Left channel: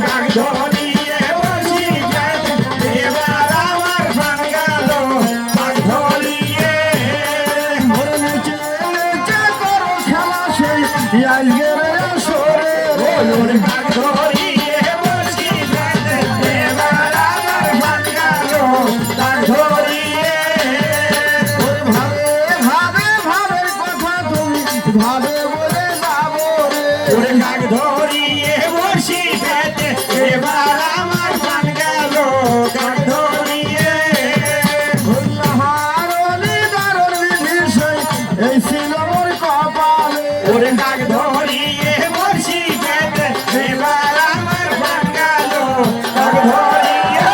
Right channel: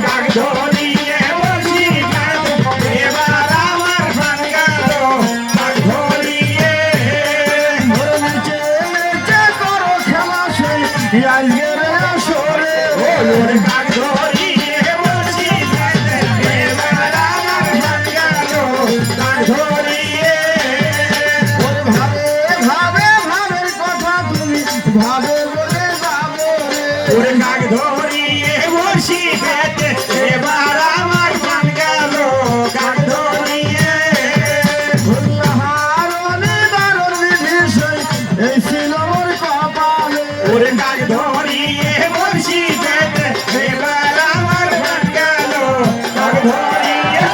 কাক ধরিয়ে বসি এবার আমার প্রাণ গেল কাক ধরিয়ে নিচে নিচে করো খেলা সেই আজকের আসরে কাক ধরিয়ে বসি এবার আমার প্রাণ গেল কাক ধরিয়ে ভাবে ভাবে ভাবের কথা তুমি ভাবে বলে যাবো রে ওরে কাক ধরিয়ে বসি এবার আমার প্রাণ গেল কাক ধরিয়ে হারণে দারুণ বিষয় এই ছিল ওর কপালে ওরে কাক ধরিয়ে বসি এবার আমার প্রাণ গেল কাক ধরিয়ে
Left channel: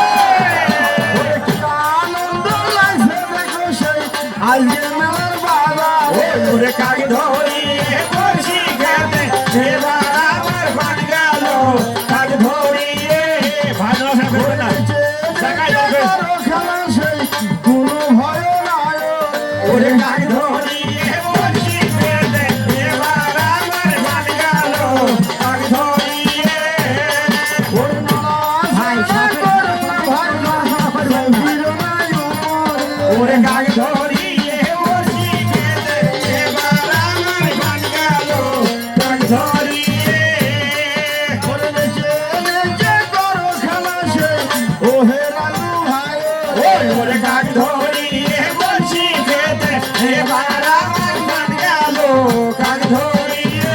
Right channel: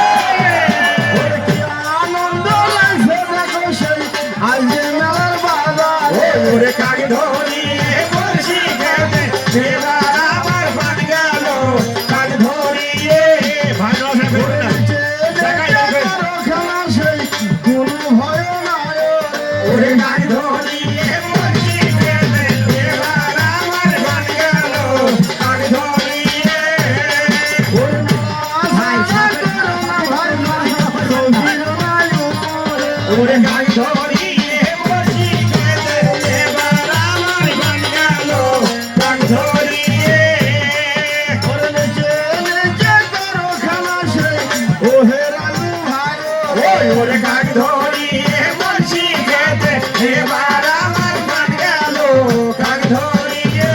আনন্দ লাগছে দেখো সেই আজকে মেলার বাজারে ওরে কাক ধরিয়ে বসি এবার আমার প্রাণ গেল কাক ধরিয়ে ভালো করে না দেখাই দেবে খেলা সেই কোনো ভয় নাই ওরে কাক ধরিয়ে বসি এবার আমার প্রাণ গেল কাক ধরিয়ে ওর ভাই সাথে ভাই সঙ্গীর মায়ু ওরে কাক ধরিয়ে বসি এবার আমার প্রাণ গেল কাক ধরিয়ে ওরে নেচে নেচে করো খেলা সেই ও হে রাজু ভাই ওরে কাক ধরিয়ে বসি এবার আমার প্রাণ গেল কাক ধরিয়ে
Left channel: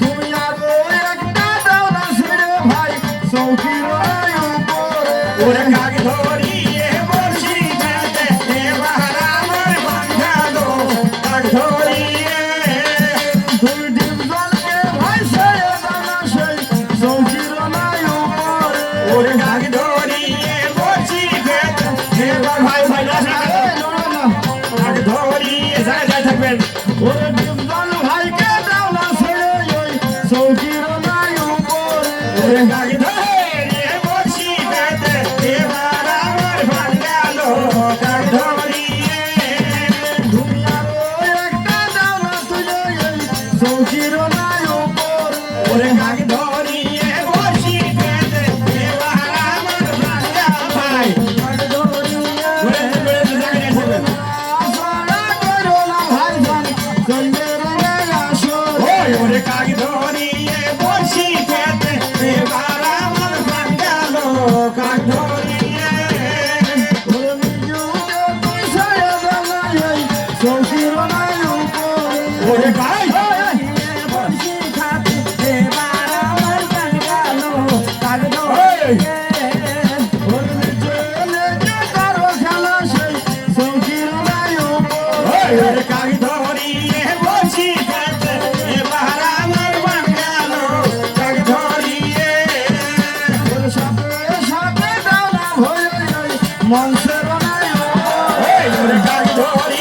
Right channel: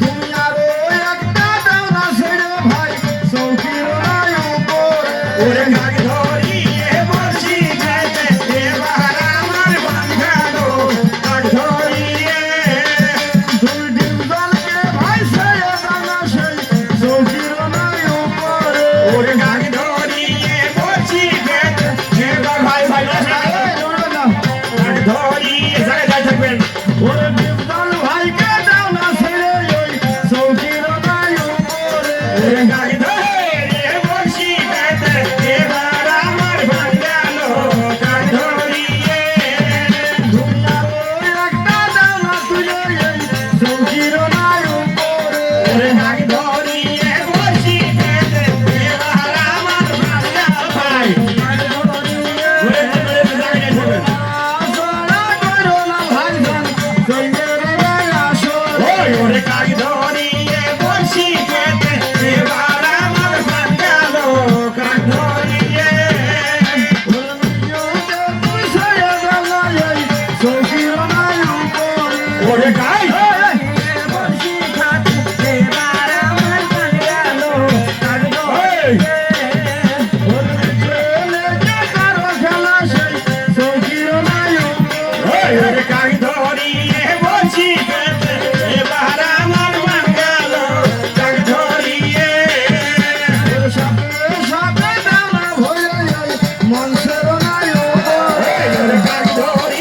তুমি আরো একটা দাও না ছেড়ে ভাই সঙ্গীর মায়ু করে ওরে কাক ধরিয়ে বসি এবার আমার প্রাণ গেল কাক ধরিয়ে তুমি ডিমজলকে ভাই সেই দানা সেই সঙ্গীর মায়ু করে ওরে কাক ধরিয়ে বসি এবার ভাই ভাই কাক ধরিয়ে যায় যায় থাকবেন ওরে ডিমজল ভাইকে দাও না ছেড়ে এই সঙ্গীর মায়ু করে ওরে কাক ধরিয়ে বসি এবার আমার প্রাণ গেল কাক ধরিয়ে তুমি আরো একটা দাও না তুলে এই সঙ্গীর মায়ু করে ওরে কাক ধরিয়ে বসি এবার আমার প্রাণ গেল ভাই কাক ধরিয়ে ওরে জায়গায় থাকবেন আসনা করো না ভাইজান সঙ্গীর রে আসো ওরে কাক ধরিয়ে বসি এবার আমার প্রাণ গেল কাক ধরিয়ে ওরে নিজেকে পুষায় দাও এই সঙ্গীর মায়ু করে ওরে কাক বসি খাতে এবার আমার প্রাণ গেল কাক ওই ওরে নিজে নিজে করো খেলা সেই সঙ্গীর মায়ু ওরে কাক ধরিয়ে বসি এবার আমার প্রাণ গেল কাক ধরিয়ে সাথে সাথে দাও না ভোলে মনসের মায়ু ওরে কাক ধরিয়ে